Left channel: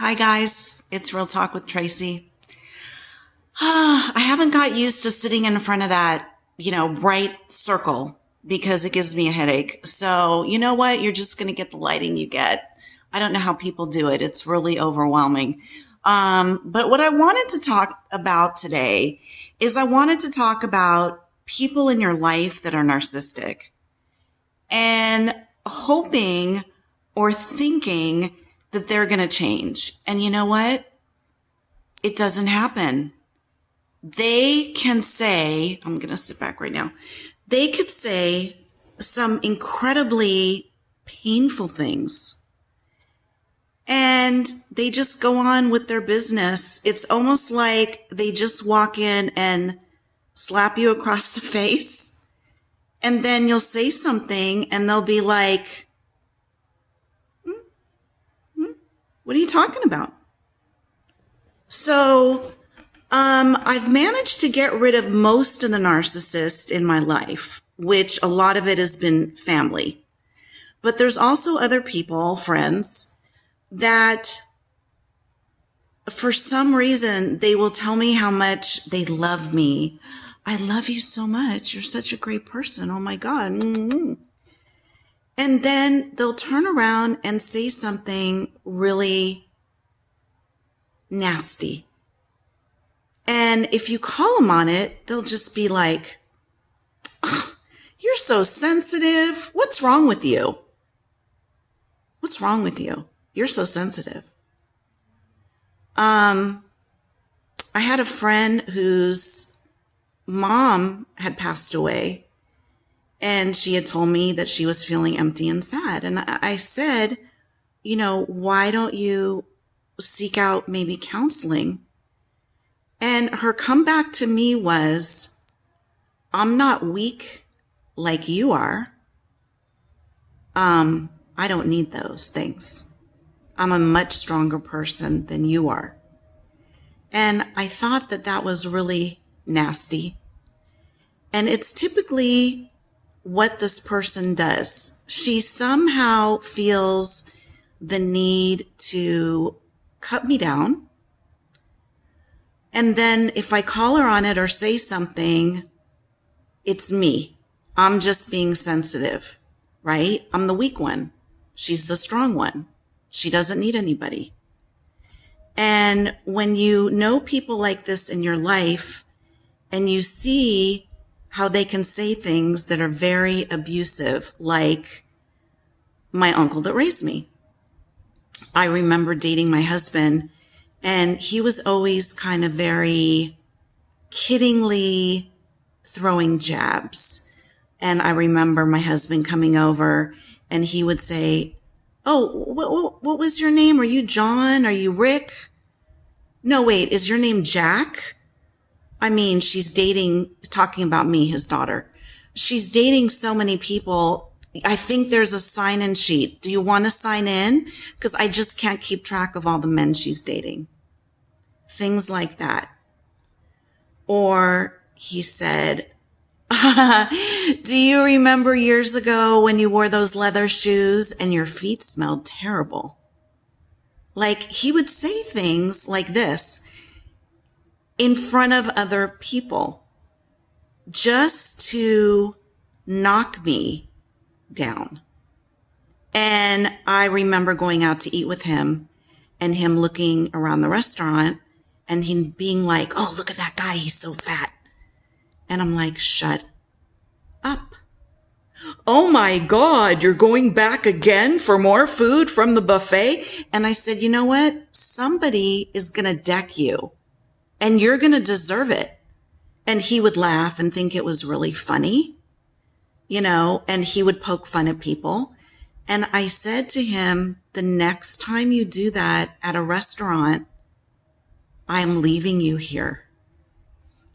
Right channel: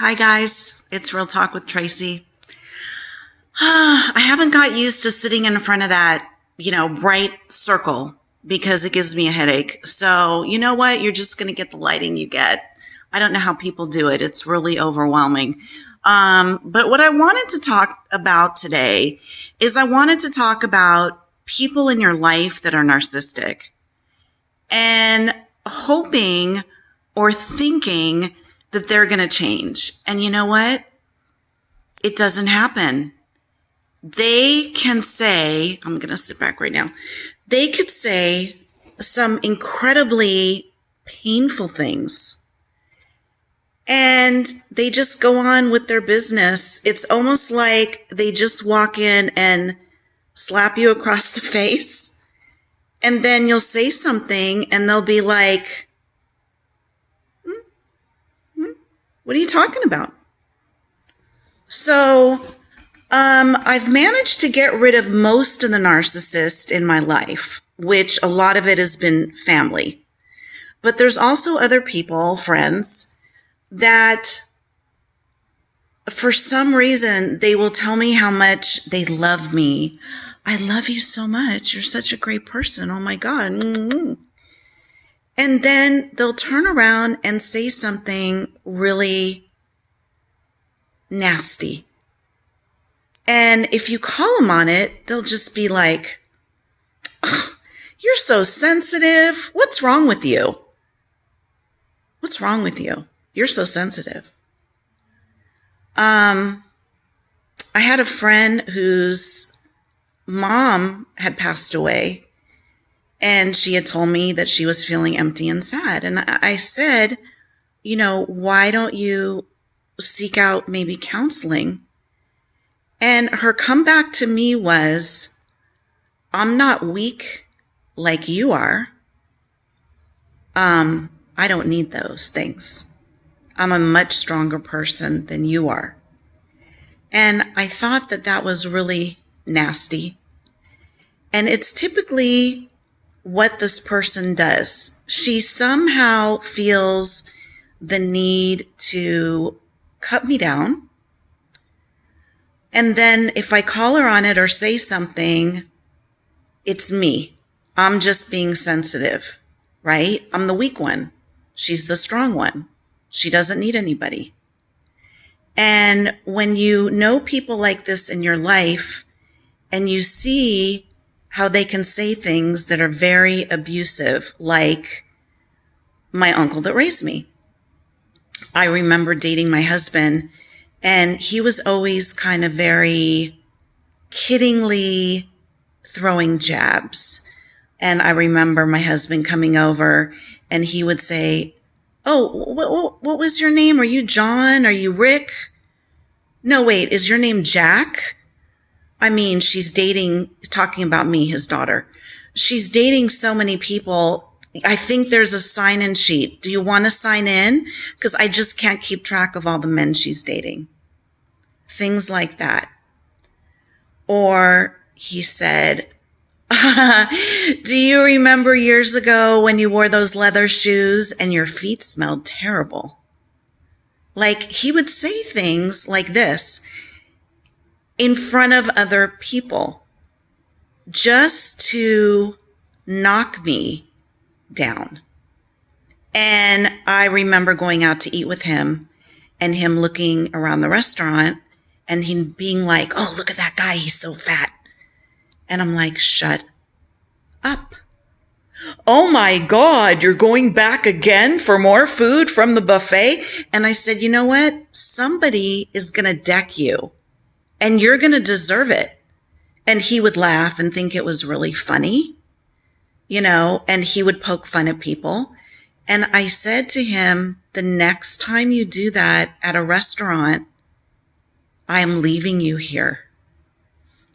Hi guys, it's Real Talk with Tracy. I haven't got used to sitting in front of that, bright circle because it gives me a headache. So you know what? You're just going to get the lighting you get. I don't know how people do it. It's really overwhelming. But what I wanted to talk about today is I wanted to talk about people in your life that are narcissistic and hoping or thinking that they're going to change. And you know what? It doesn't happen. They can say, I'm going to sit back right now. They could say some incredibly painful things and they just go on with their business. It's almost like they just walk in and slap you across the face. And then you'll say something and they'll be like, what are you talking about? So, I've managed to get rid of most of the narcissists in my life, which a lot of it has been family. But there's also other people, friends, that for some reason, they will tell me how much they love me. I love you so much. You're such a great person. Oh my God. Mm-hmm. And then they'll turn around and say something really nasty. And if you call them on it, they'll just be like, oh, you're so sensitive. What's wrong with you? What's wrong with you? You're so sensitive. I had a friend whose mom had passed away. And she had told me that she was feeling empty and sad. And I said, why don't you seek out maybe counseling? And her comeback to me was, I'm not weak like you are. I don't need those things. I'm a much stronger person than you are. And I thought that that was really nasty. And it's typically what this person does. She somehow feels the need to cut me down. And then if I call her on it or say something, it's me. I'm just being sensitive, right? I'm the weak one. She's the strong one. She doesn't need anybody. And when you know people like this in your life and you see how they can say things that are very abusive, like my uncle that raised me. I remember dating my husband, and he was always kind of very kiddingly throwing jabs. And I remember my husband coming over, and he would say, oh, what was your name? Are you John? Are you Rick? No, wait, is your name Jack? I mean, she's talking about me, his daughter. She's dating so many people. I think there's a sign-in sheet. Do you want to sign in? Because I just can't keep track of all the men she's dating. Things like that. Or he said, do you remember years ago when you wore those leather shoes and your feet smelled terrible? Like, he would say things like this in front of other people just to knock me down. And I remember going out to eat with him and him looking around the restaurant and him being like, oh, look at that guy. He's so fat. And I'm like, shut up. Oh my God, you're going back again for more food from the buffet? And I said, you know what? Somebody is going to deck you. And you're going to deserve it. And he would laugh and think it was really funny, and he would poke fun at people. And I said to him, the next time you do that at a restaurant, I'm leaving you here.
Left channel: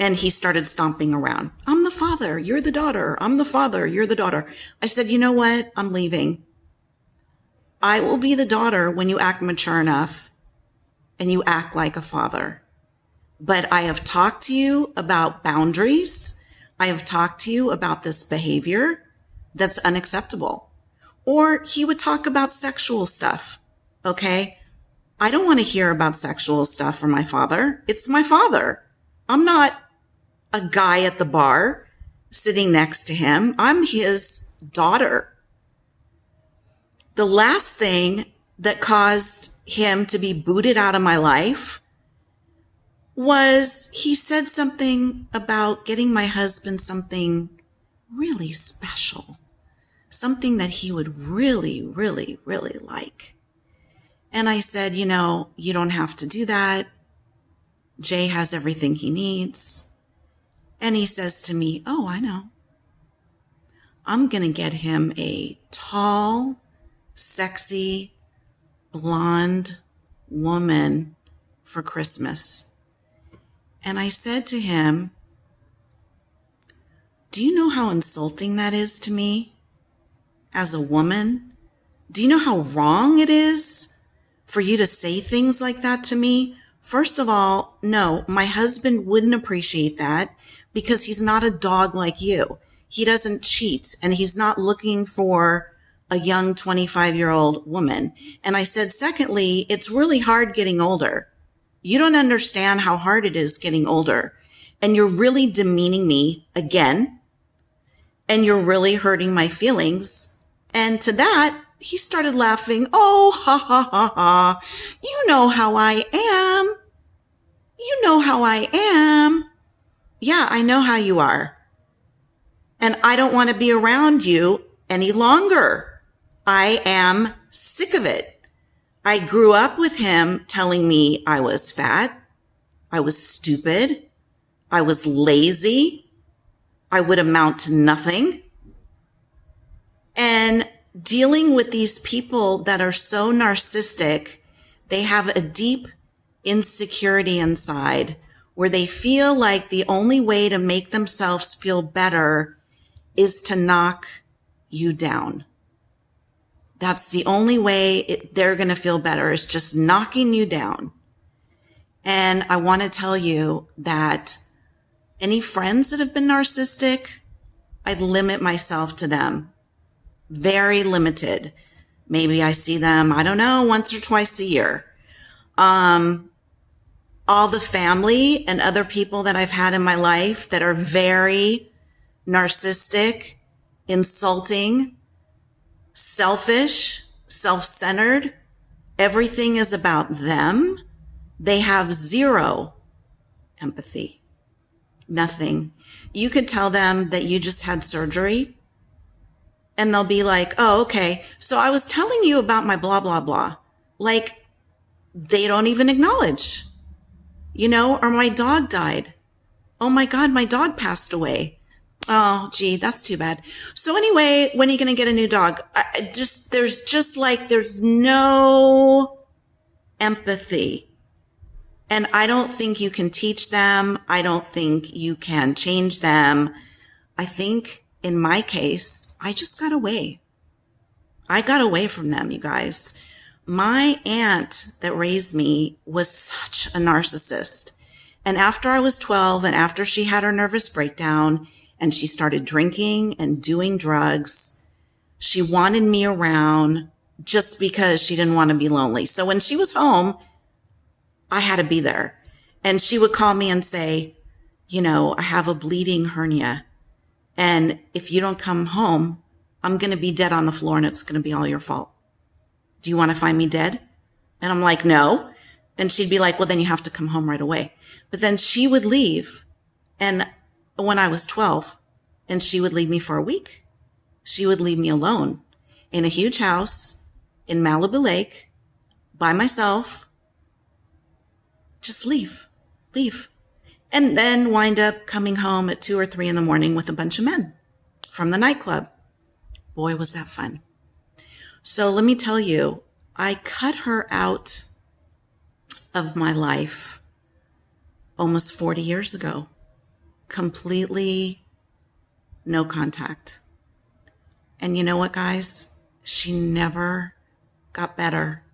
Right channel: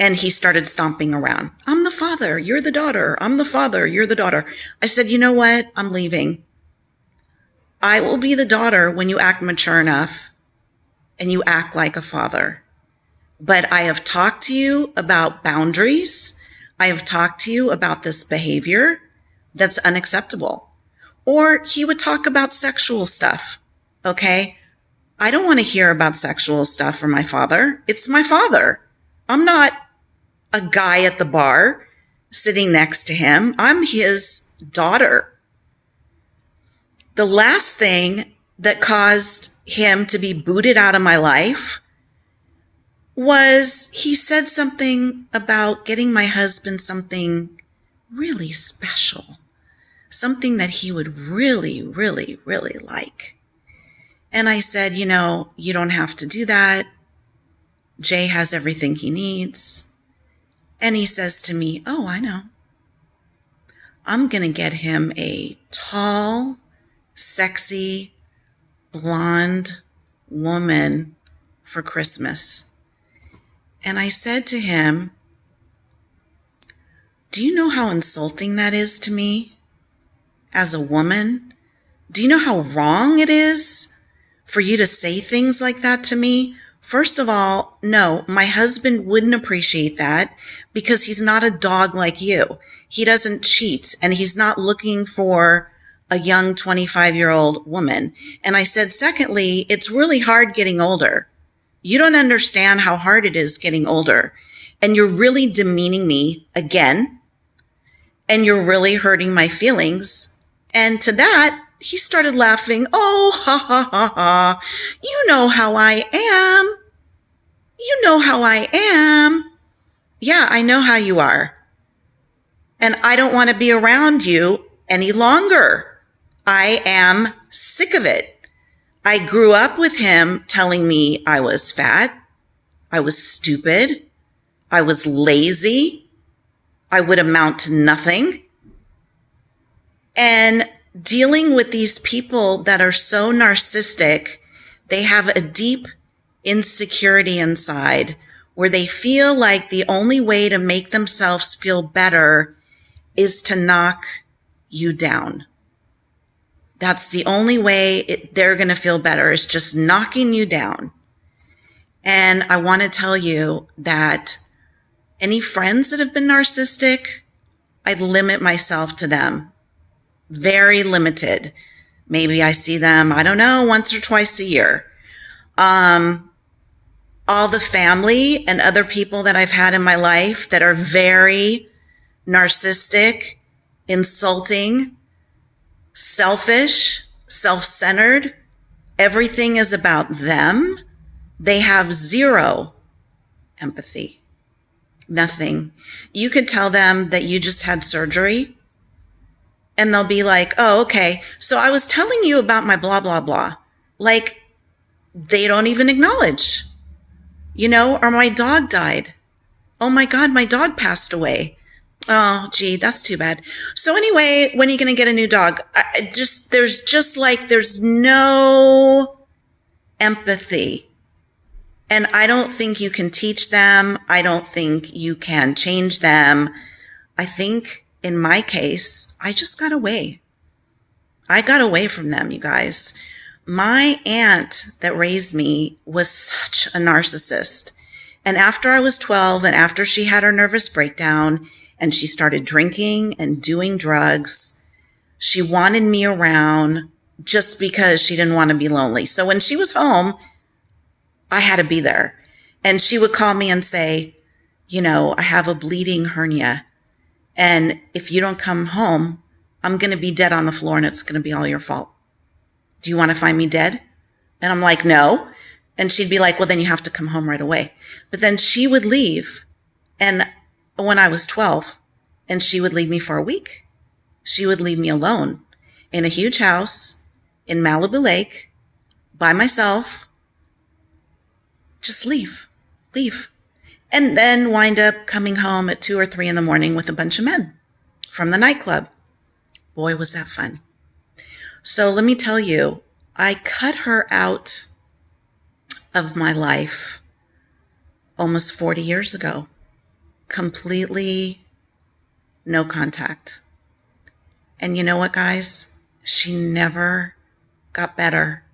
And he started stomping around. I'm the father. You're the daughter. I'm the father. You're the daughter. I said, you know what? I'm leaving. I will be the daughter when you act mature enough and you act like a father. But I have talked to you about boundaries. I have talked to you about this behavior that's unacceptable. Or he would talk about sexual stuff. Okay. I don't want to hear about sexual stuff from my father. It's my father. I'm not a guy at the bar sitting next to him. I'm his daughter. The last thing that caused him to be booted out of my life was he said something about getting my husband something really special, something that he would really, really, really like. And I said, you don't have to do that. Jay has everything he needs. And he says to me, oh, I know. I'm going to get him a tall, sexy, blonde woman for Christmas. And I said to him, do you know how insulting that is to me as a woman? Do you know how wrong it is for you to say things like that to me? First of all, no, my husband wouldn't appreciate that because he's not a dog like you. He doesn't cheat and he's not looking for a young 25-year-old woman. And I said, secondly, it's really hard getting older. You don't understand how hard it is getting older. And you're really demeaning me again. And you're really hurting my feelings. And to that, he started laughing. Oh, ha, ha, ha, ha. You know how I am. You know how I am. Yeah, I know how you are. And I don't want to be around you any longer. I am sick of it. I grew up with him telling me I was fat, I was stupid, I was lazy, I would amount to nothing. And dealing with these people that are so narcissistic, they have a deep insecurity inside where they feel like the only way to make themselves feel better is to knock you down. That's the only way they're going to feel better, is just knocking you down. And I want to tell you that any friends that have been narcissistic, I limit myself to them. Very limited. Maybe I see them, I don't know, once or twice a year. All the family and other people that I've had in my life that are very narcissistic, insulting, selfish, self-centered, everything is about them. They have zero empathy. Nothing. You could tell them that you just had surgery and they'll be like, oh, okay. So I was telling you about my blah, blah, blah. Like they don't even acknowledge, or my dog died. Oh my God, my dog passed away. Oh, gee, that's too bad. So anyway, when are you going to get a new dog? There's no empathy. And I don't think you can teach them. I don't think you can change them. I think in my case, I just got away. I got away from them, you guys. My aunt that raised me was such a narcissist. And after I was 12 and after she had her nervous breakdown, and she started drinking and doing drugs, she wanted me around just because she didn't want to be lonely. So when she was home, I had to be there. And she would call me and say, I have a bleeding hernia. And if you don't come home, I'm going to be dead on the floor and it's going to be all your fault. Do you want to find me dead? And I'm like, no. And she'd be like, well, then you have to come home right away. But then she would leave. And when I was 12, and she would leave me for a week. She would leave me alone in a huge house in Malibu Lake by myself. Just leave. And then wind up coming home at 2 or 3 in the morning with a bunch of men from the nightclub. Boy, was that fun. So let me tell you, I cut her out of my life almost 40 years ago. Completely no contact. And you know what, guys? She never got better.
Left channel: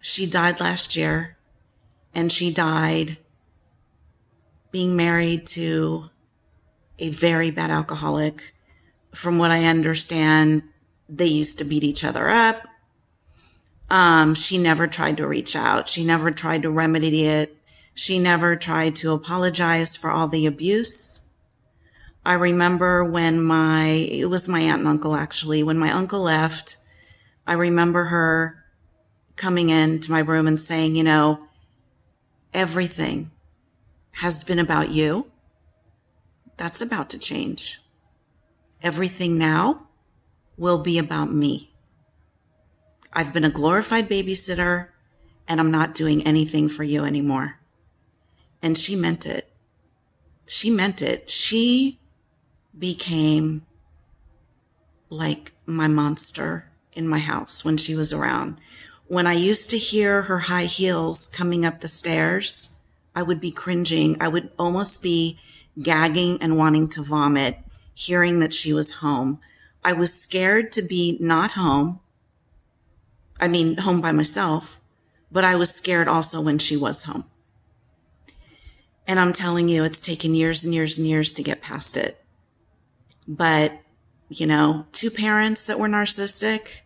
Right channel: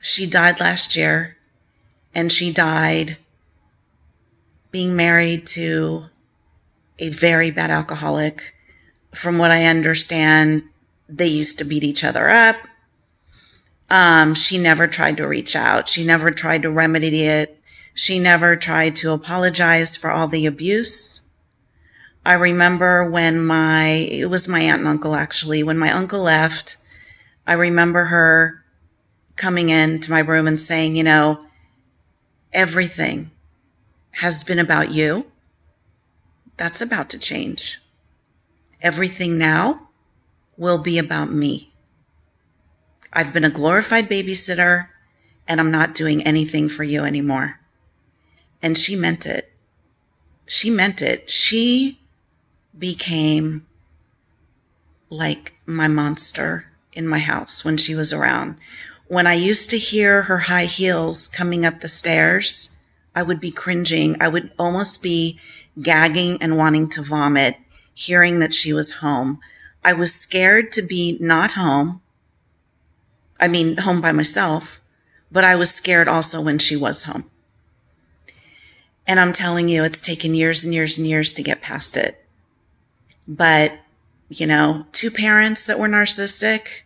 She died last year, and she died being married to a very bad alcoholic. From what I understand, they used to beat each other up. She never tried to reach out. She never tried to remedy it. She never tried to apologize for all the abuse. I remember when it was my aunt and uncle actually, when my uncle left, I remember her coming into my room and saying, everything has been about you. That's about to change. Everything now will be about me. I've been a glorified babysitter and I'm not doing anything for you anymore. And she meant it. She meant it. She became like my monster in my house when she was around. When I used to hear her high heels coming up the stairs, I would be cringing. I would almost be gagging and wanting to vomit, hearing that she was home. I was scared to be not home. I mean, home by myself, but I was scared also when she was home. And I'm telling you, it's taken years and years and years to get past it. But, two parents that were narcissistic,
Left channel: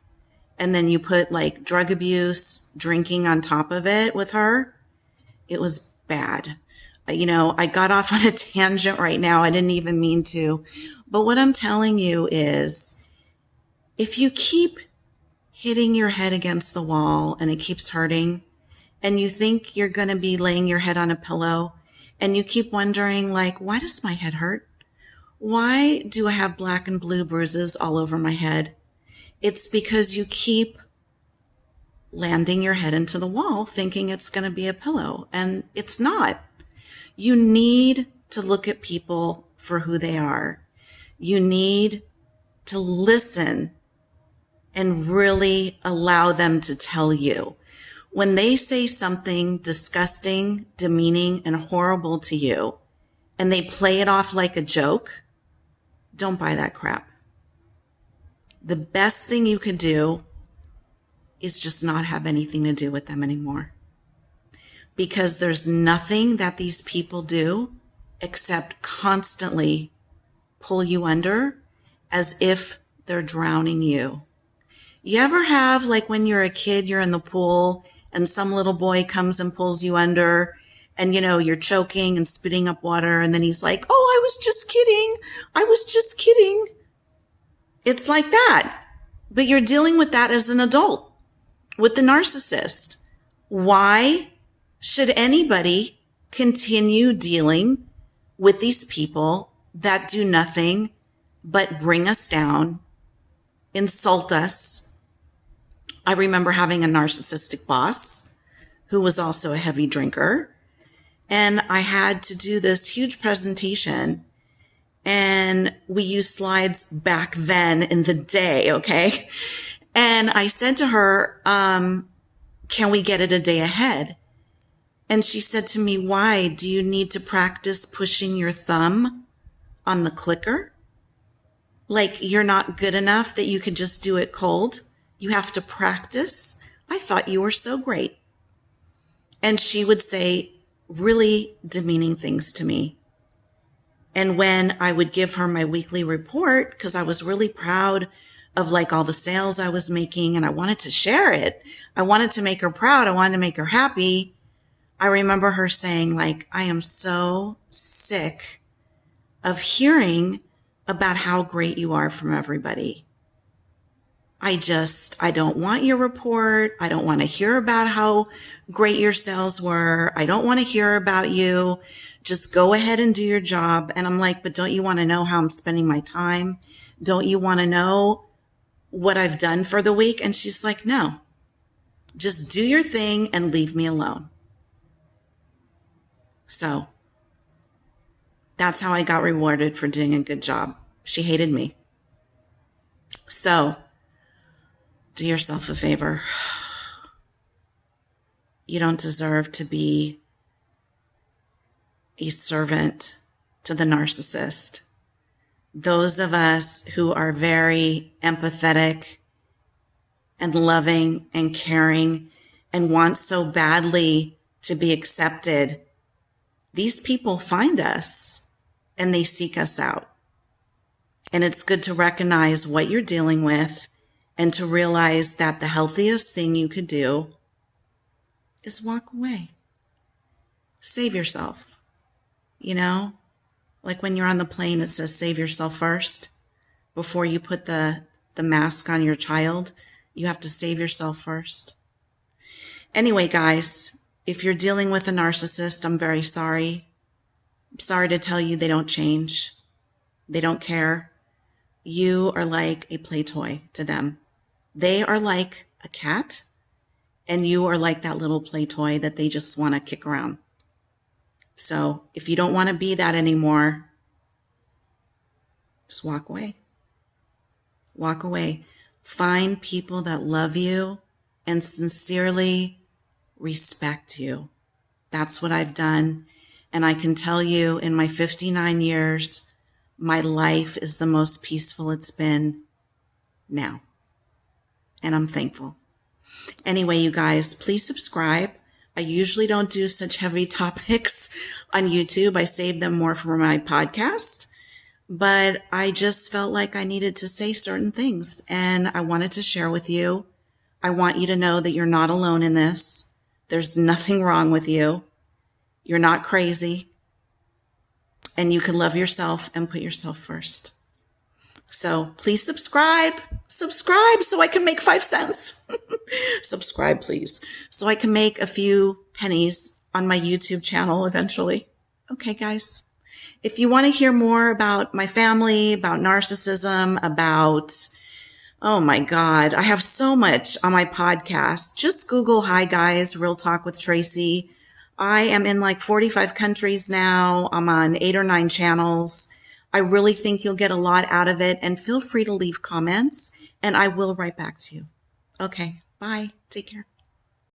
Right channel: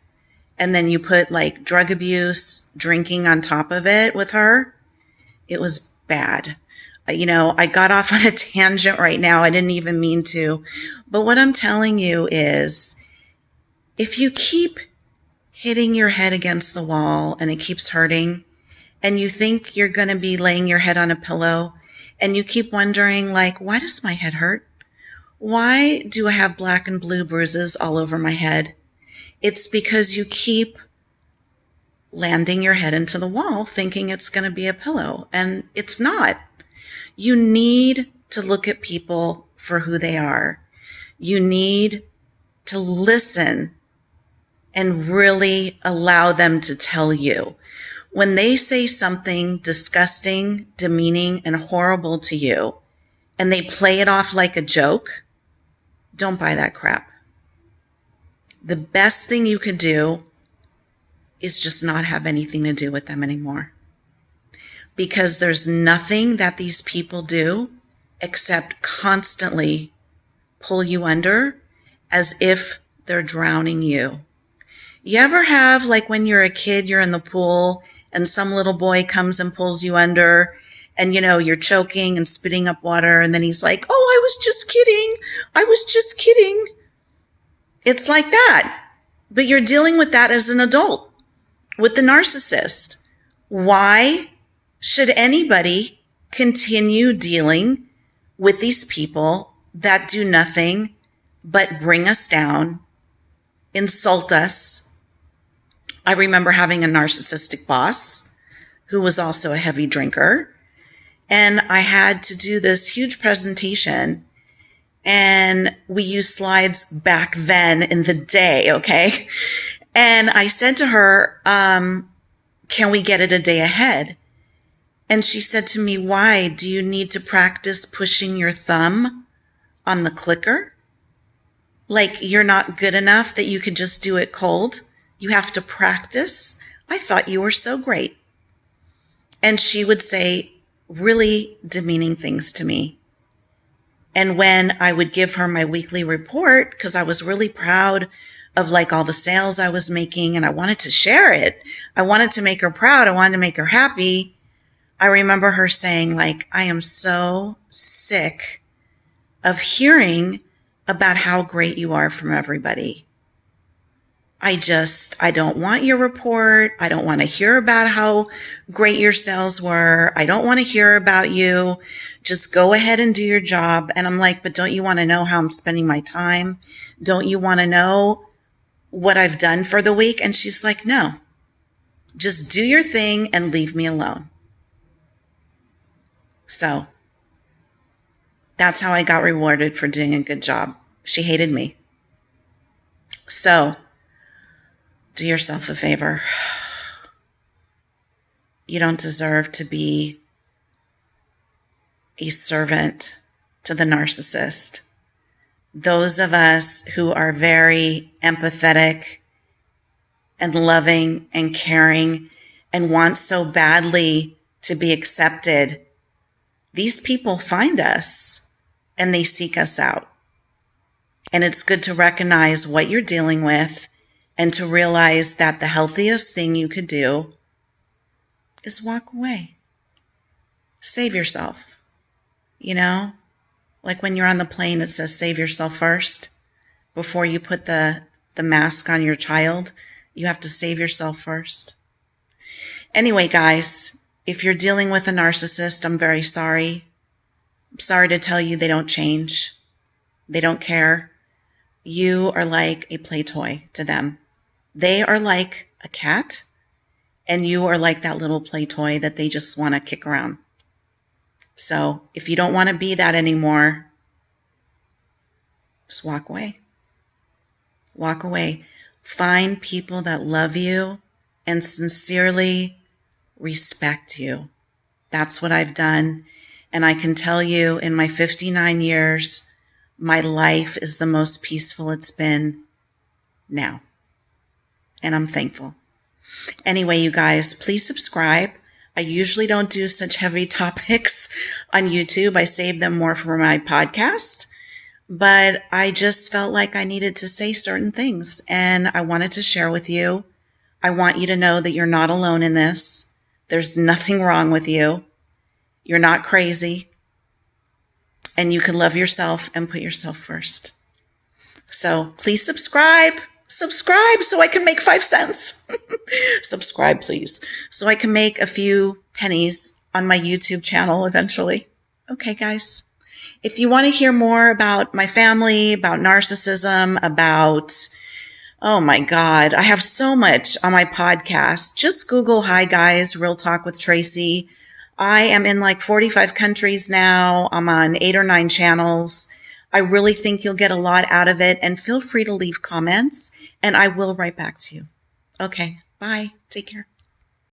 and then you put like drug abuse, drinking on top of it with her, it was bad. I got off on a tangent right now. I didn't even mean to. But what I'm telling you is, if you keep hitting your head against the wall and it keeps hurting, and you think you're going to be laying your head on a pillow, and you keep wondering, like, why does my head hurt? Why do I have black and blue bruises all over my head? It's because you keep landing your head into the wall thinking it's going to be a pillow, and it's not. You need to look at people for who they are. You need to listen and really allow them to tell you. When they say something disgusting, demeaning, and horrible to you, and they play it off like a joke, don't buy that crap. The best thing you could do is just not have anything to do with them anymore. Because there's nothing that these people do except constantly pull you under as if they're drowning you. You ever have, like when you're a kid, you're in the pool and some little boy comes and pulls you under and, you're choking and spitting up water. And then he's like, oh, I was just kidding. I was just kidding. It's like that. But you're dealing with that as an adult with the narcissist. Why should anybody continue dealing with these people that do nothing but bring us down, insult us? I remember having a narcissistic boss who was also a heavy drinker. And I had to do this huge presentation, and we used slides back then in the day, okay? And I said to her, can we get it a day ahead? And she said to me, why? Do you need to practice pushing your thumb on the clicker? Like you're not good enough that you could just do it cold? You have to practice? I thought you were so great. And she would say really demeaning things to me. And when I would give her my weekly report, because I was really proud of like all the sales I was making and I wanted to share it. I wanted to make her proud. I wanted to make her happy. I remember her saying like, I am so sick of hearing about how great you are from everybody. I don't want your report. I don't want to hear about how great your sales were. I don't want to hear about you. Just go ahead and do your job. And I'm like, but don't you want to know how I'm spending my time? Don't you want to know what I've done for the week? And she's like, no, just do your thing and leave me alone. So that's how I got rewarded for doing a good job. She hated me. So do yourself a favor. You don't deserve to be a servant to the narcissist. Those of us who are very empathetic and loving and caring and want so badly to be accepted, these people find us and they seek us out. And it's good to recognize what you're dealing with and to realize that the healthiest thing you could do is walk away. Save yourself. You know, like when you're on the plane, it says save yourself first. Before you put the mask on your child, you have to save yourself first. Anyway, guys, if you're dealing with a narcissist, I'm very sorry. I'm sorry to tell you they don't change. They don't care. You are like a play toy to them. They are like a cat, and you are like that little play toy that they just want to kick around. So if you don't want to be that anymore, just walk away. Walk away. Find people that love you and sincerely respect you. That's what I've done. And I can tell you, in my 59 years, my life is the most peaceful it's been now. And I'm thankful. Anyway, you guys, please subscribe. I usually don't do such heavy topics on YouTube. I save them more for my podcast. But I just felt like I needed to say certain things, and I wanted to share with you. I want you to know that you're not alone in this. There's nothing wrong with you. You're not crazy. And you can love yourself and put yourself first. So please subscribe. Subscribe so I can make 5 cents. Subscribe, please, so I can make a few pennies on my YouTube channel eventually. Okay, guys. If you want to hear more about my family, about narcissism, about, oh my God, I have so much on my podcast. Just Google, Hi Guys, Real Talk with Tracy. I am in like 45 countries now. I'm on 8 or 9 channels. I really think you'll get a lot out of it, and feel free to leave comments and I will write back to you. Okay, bye. Take care.